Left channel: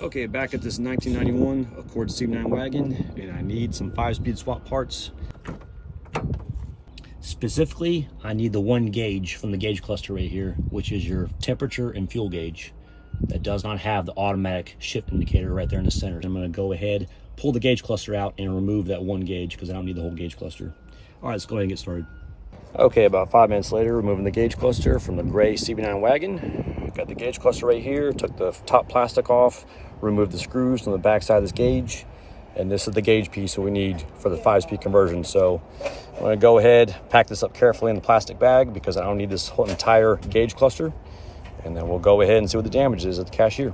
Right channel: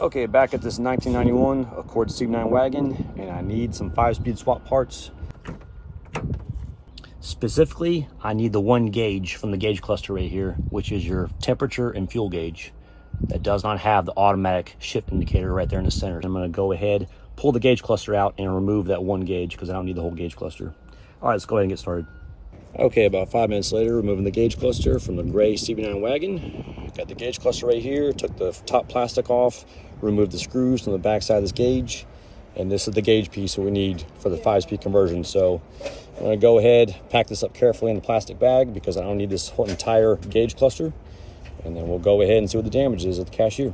Okay, back at this 1991 Accord CB9 wagon, and I need some 5-speed swap parts. Specifically, I need the 1 gauge from the gauge cluster right here, which is your temperature and fuel gauge. That does not have the automatic shift indicator right there in the center. I'm gonna go ahead, pull the gauge cluster out and remove that 1 gauge because I don't need the whole gauge cluster. All right, let's go ahead and get started. Okay, about 5 minutes later, removing the gauge cluster from the gray CB9 wagon. Got the gauge cluster right here, took the top plastic off, removed the screws from the back side of this gauge, and this is the gauge piece that we need for the 5-speed conversion. So I'm gonna go ahead, pack this up carefully in the plastic bag because I don't need this whole entire gauge cluster. And then we'll go ahead and see what the damage is at the cashier.